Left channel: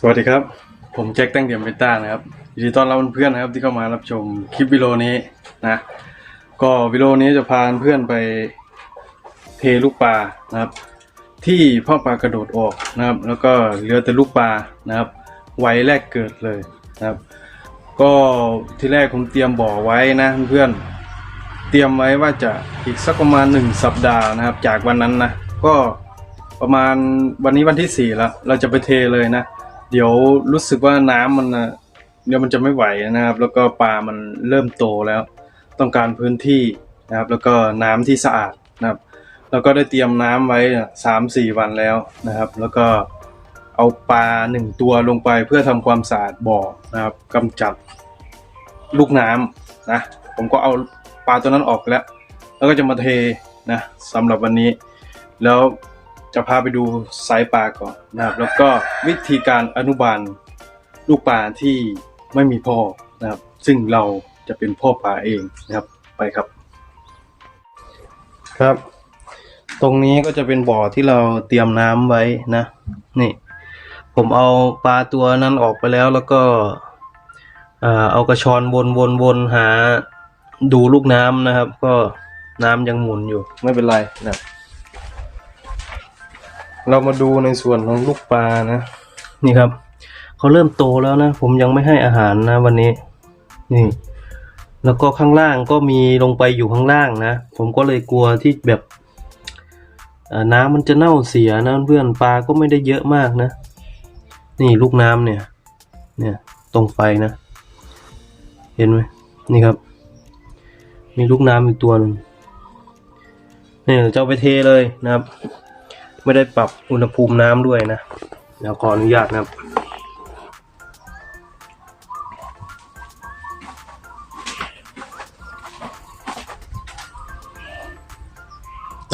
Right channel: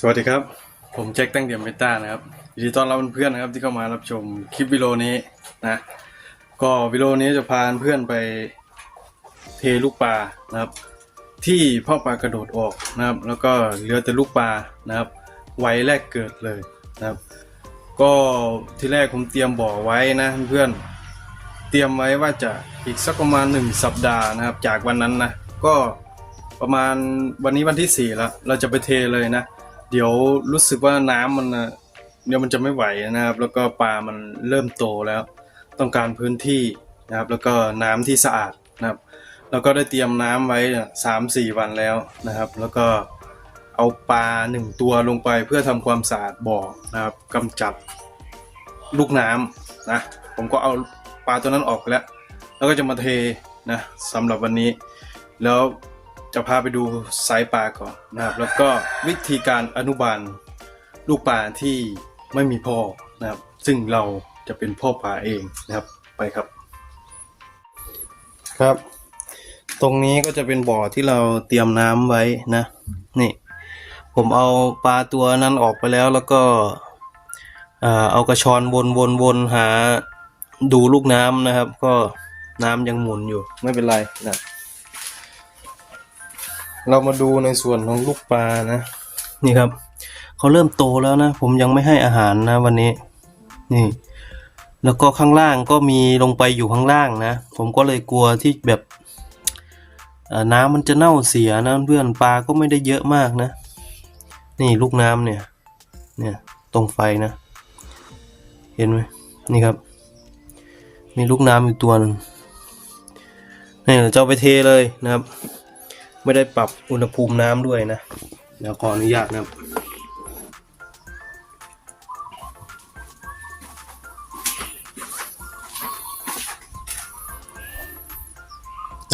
สวัสดีครับ ผมแจ็คตั้งเดียมเบต้านะครับยินดีต้อนรับเพื่อนๆนะครับที่เข้ามารับชมคลิปวิดีโอนี้นะก็วิดีโอนี้จะพาเพื่อนไปเทลูกปลานะครับ ที่พ่อปลากระโดดออกนะครับ แล้วก็เหลือแต่ลูกปลานะครับ ไว้แรกเกิดเลยนะครับ ก็ที่แรกผมเตรียมบ่อไว้นะเพื่อนๆเตรียมไว้ว่าจะอีกสักประมาณหนึ่งสัปดาห์นะครับ จากวันนั้นนะก็ประมาณวันนี้วันที่สี่แล้วเราจะไปเทเลยนะ เดี๋ยวรู้สึกว่าน้ำมันเดี๋ยวมันจะไม่ไหวนะครับ แล้วก็ปลามันเริ่มโตแล้ว ต้องการพื้นที่นะครับ แล้วก็น้ำที่สะอาดนะครับ แล้วก็ได้เตรียมน้ำไว้สามสี่วันแล้วนะครับ แล้วก็เอาปลาหนึ่งตัวลงไปเพื่อทำความสะอาดบ่อนะครับกำจัดลูกน้ำนะผมก็เอาปลาตัวนั้นออกแล้ว แล้วก็จะมาเทนะสำหรับวันนี้แล้ว จะพาไปดูไซส์ปลาก่อนนะครับ แล้วก็วิธีการอนุบาลลูกปลาที่ไม่มีพ่อนะครับ ซึ่งเราจะเป็นพ่อปลาเองนะครับไปครับ ครับ ตรงนี้ก็จะเป็นบ่อที่เราเตรียมน้ำไว้นะ นี่ ผมเอาปลาตัวนั้นออกไปแล้วแล้วก็เอากระชอนวนวนวนหาดูลูกน้ำนะครับ ก็น้ำยังหมุนอยู่ไม่เป็นไรนะ เรามาดูในส่วนของลูกปลานะ นี่ครับเขาเริ่มโตแล้วนะ ผมยังไม่ให้อาหารนะวันนี้ นี่ แล้วก็ข้างล่างก็มีลงไปอยู่ข้างล่างนะ ผมก็เลยกลัวที่แบบน้ำมันจะเน่าเสียนะเพื่อนปลาก็ไม่ได้เยอะมากนะ นี่ลูกน้ำเนี่ย เนี่ยตรงไฟนะ เห็นไหมนี่ครับ มีลูกน้ำอยู่ตัวหนึ่งนี่เราจะไปเทเลยนะครับ ไม่ได้ปรับอุณหภูมิน้ำด้วยนะ เดี๋ยวขออนุญาตนะครับ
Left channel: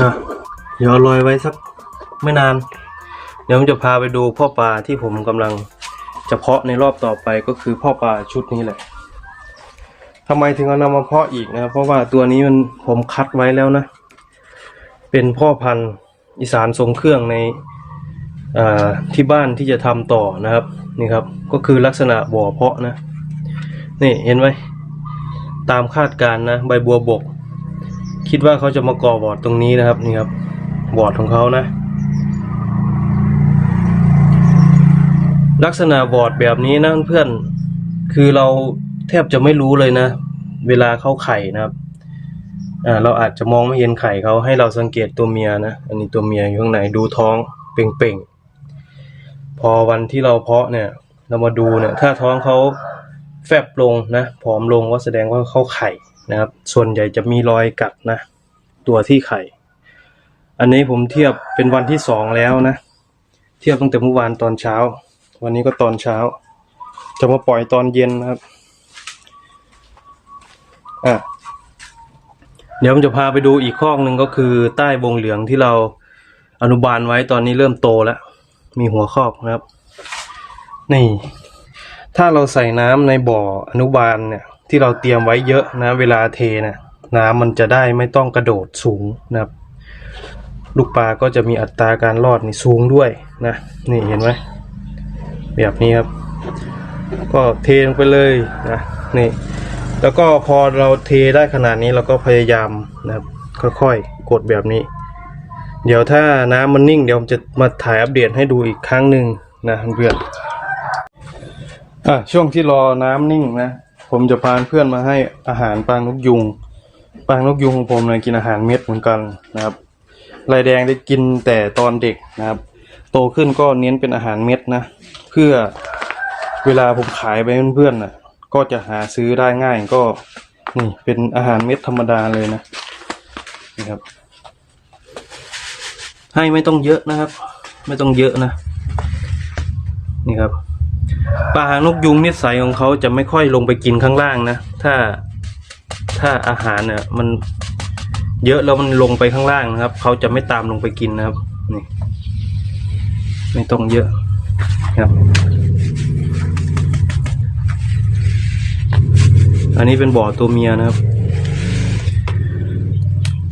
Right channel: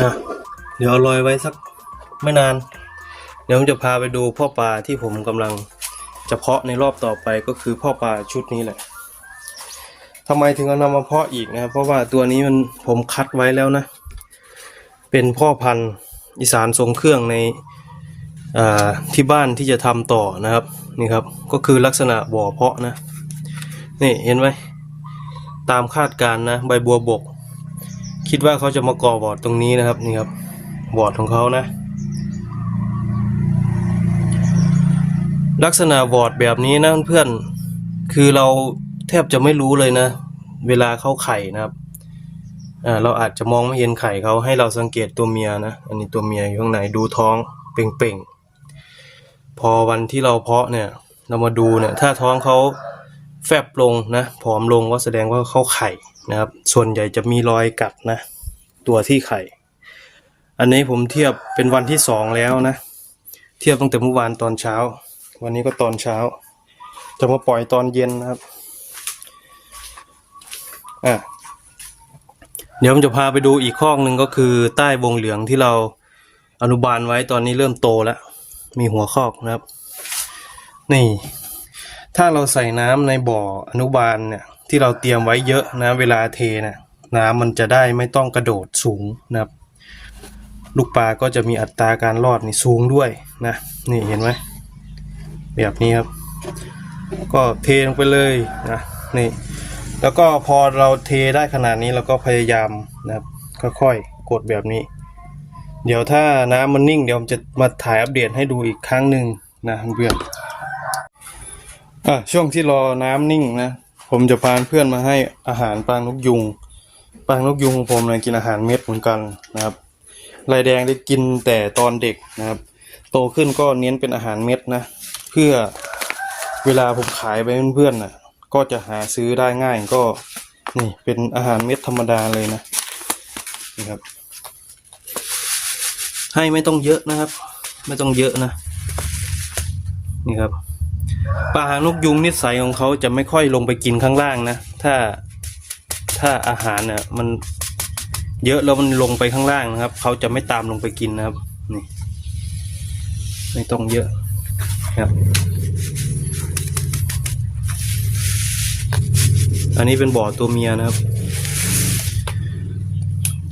อะเดี๋ยวลอยไว้สักไม่นาน เดี๋ยวผมจะพาไปดูพ่อปลาที่ผมกำลังจะเพาะในรอบต่อไปก็คือพ่อปลาชุดนี้แหละทำไมถึงเอานำมาเพาะอีกนะ เพราะว่าตัวนี้มันผมคัดไว้แล้วนะ เป็นพ่อพันธุ์ อีสานทรงเครื่องในที่บ้านที่จะทำต่อนะครับนี่ครับก็คือลักษณะบ่อเพาะนะนี่เห็นไหมตามคาดการณ์นะใบบัวบก คิดว่าเขาจะมาก่อบอร์ดตรงนี้นะครับนี่ครับบอร์ดของเขานะลักษณะบอร์ดแบบนี้นะเพื่อนคือเราแทบจะไม่รู้เลยนะ เวลาเข้าไข่นะครับ อ่าเราอาจจะมองไม่เห็นไข่เขาให้เราสังเกตตัวเมียนะ อันนี้ตัวเมียอยู่ข้างในดูท้องเป่งๆ พอวันที่เราเพาะเนี่ย เรามาดูเนี่ย ถ้าท้องเขาแฟบลงนะผอมลงก็แสดงว่าเขาไข่นะครับ ส่วนใหญ่จะมีรอยกัดนะ ตัวที่ไข่ อันนี้ผมเทียบเป็นวันที่สองแล้วนะ เทียบตั้งแต่เมื่อวานตอนเช้า วันนี้ก็ตอนเช้า จะมาปล่อยตอนเย็นนะครับ อะ เดี๋ยวผมจะพาไปดูอีกข้องหนึ่งก็คือใต้วงเหลืองที่เราอนุบาลไว้ตอนนี้เริ่มโตแล้ว มีหัวคอกนะครับ นี่ ถ้าเราใส่น้ำในบ่ออนุบาลเนี่ยที่เราเตรียมไว้เยอะนะ เวลาเทนะน้ำมันจะได้ไม่ต้องกระโดดสูงนะครับ ลูกปลาก็จะมีอัตราการรอดนี่สูงด้วยนะนี่เห็นไหมแบบนี้ครับ ก็เทลงไปเลยนะนี่ แล้วก็พอเราเทได้ขนาดนี้เราก็พยายามนะครับค่อยๆกดแบบนี้ เดี๋ยวถ้าน้ำมันนิ่งเดี๋ยวผมจะมาถ่ายอัปเดตให้ดูอีกครั้งหนึ่งนะเพื่อนอะช่วงที่รอน้ำนิ่งนะผมจะพาเพื่อนมาให้อาหารปลานกยุงปลานกยุงของผมเนี่ยกินอาหารเม็ดเหมือนกันนะครับลายแดงได้กินแต่ตอนเด็กนะครับ โตขึ้นก็เน้นเป็นอาหารเม็ดนะ เพื่อเวลาผมขายไปเพื่อนๆน่ะ ก็จะหาซื้อได้ง่ายก็นี่เป็นอาหารเม็ดธรรมดาเลยนะนี่ครับ ให้ไม่ต้องเยอะนะครับ ไม่ต้องเยอะนะ นี่ครับปลาหางนกยุงนิสัยของเขาจะไม่ค่อยลงไปกินข้างล่างนะ ถ้าถ้าอาหารเนี่ยมันเยอะแล้วมันลงไปข้างล่างนะครับ เขาจะไม่ตามลงไปกินนะครับ นี่ ไม่ต้องเยอะครับ นี้เป็นบ่อตัวเมียนะครับ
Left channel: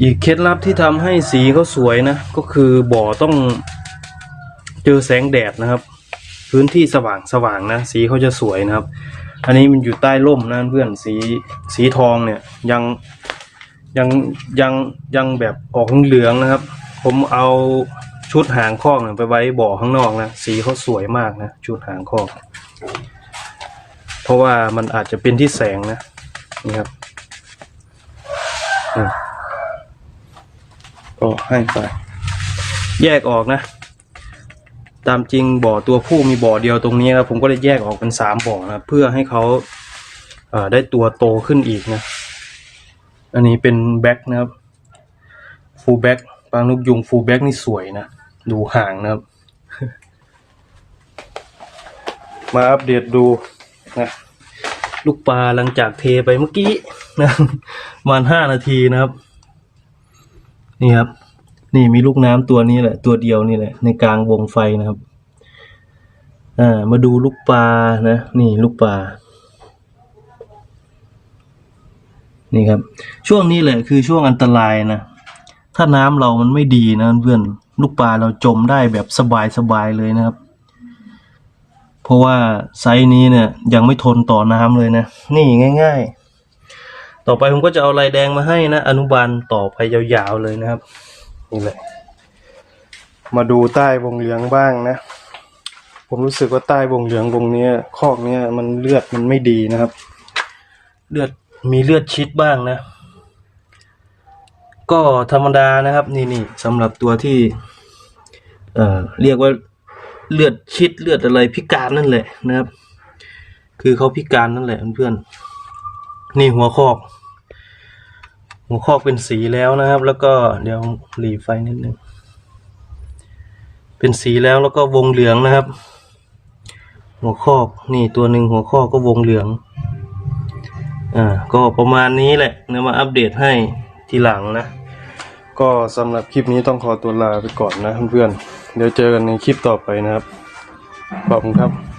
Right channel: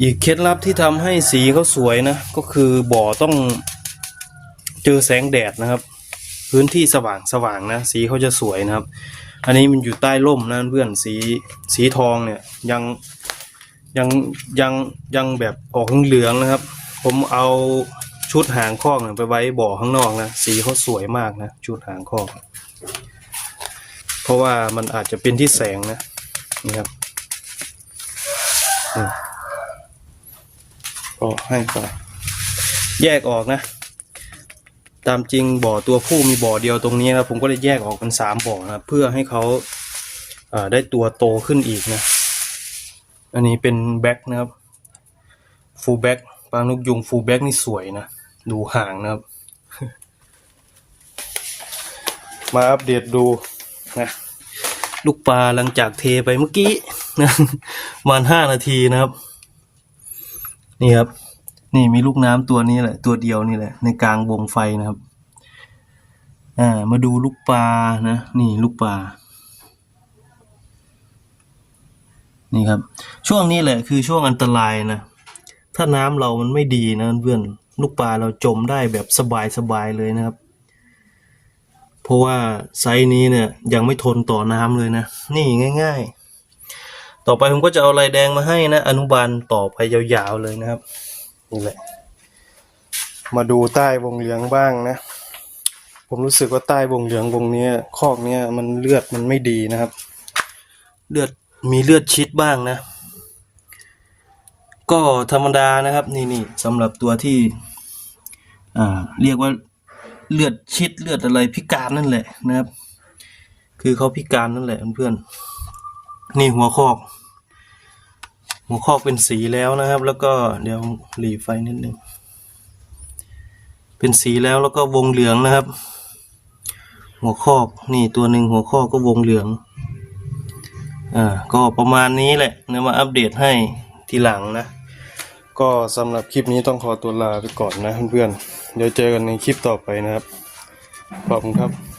อีกเคล็ดลับที่ทำให้สีเขาสวยนะ ก็คือบ่อต้องเจอแสงแดดนะครับ พื้นที่สว่างสว่างนะ สีเขาจะสวยนะครับ อันนี้มันอยู่ใต้ร่มนะเพื่อนสีสีทองเนี่ยยังยังยังยังแบบออกเหลืองนะครับ ผมเอาชุดหางคอกไปไว้บ่อข้างนอกนะสีเขาสวยมากนะ ชุดหางคอก เพราะว่ามันอาจจะเป็นที่แสงนะ นี่ครับอืมก็ให้ไปแยกออกนะ ตามจริงบ่อตัวผู้มีบ่อเดียวตรงนี้ครับผมก็เลยแยกออกเป็นสามบ่อนะเพื่อให้เขาได้ตัวโตขึ้นอีกนะอันนี้เป็นแบ็คนะครับฟูลแบ็คปางนกยุงฟูลแบ็คนี่สวยนะ ดูห่างนะครับ มาอัปเดตดูนะ ลูกปลาหลังจากเทไปเมื่อกี้นะมาณห้านาทีนะครับ นี่ครับ นี่มีลูกน้ำตัวนี้แหละ ตัวเดียวนี่แหละ ในกลางวงไฟนะครับ อ่า มาดูลูกปลานะ นี่ลูกปลานี่ครับ ช่วงนี้แหละคือช่วงอันตรายนะ ถ้าน้ำเรามันไม่ดีนะเพื่อนลูกปลาเราจมได้แบบสบายๆเลยนะครับ ราะว่าไซส์นี้เนี่ยยังไม่ทนต่อน้ำเลยนะ นี่ง่าย ๆ ต่อไปผมก็จะเอาลายแดงมาให้นะ อนุบาลต่อไปยาวๆเลยนะครับนี่แหละมาดูใต้วงเหลืองบ้างนะ ผมรู้สึกว่าใต้วงเหลืองวงนี้คอกเนี้ยมันเลือดมันไม่ดีนะครับ เลือดมีเลือดชิดบ้างนะ ก็ธรรมดานะครับ นี่นี่สำหรับตัวที่เอ่อเรียกว่า เลือดชิดเลือดอะไรพิการนั่นแหละนะครับ คือเขาพิการนั่นแหละเพื่อนๆนี่หัวคอก หัวคอกเป็นสีแล้วนะครับ แล้วก็เดี๋ยวหลีไฟนิดนึงเป็นสีแล้วแล้วก็วงเหลืองนะครับ หัวคอกนี่ตัวหนึ่งหัวคอกก็วงเหลืองอ่าก็ประมาณนี้แหละเดี๋ยวมาอัปเดตให้ทีหลังนะ ก็สำหรับคลิปนี้ต้องขอตัวลาไปก่อนนะเพื่อนๆ เดี๋ยวเจอกันในคลิปต่อไปนะครับขอบคุณครับ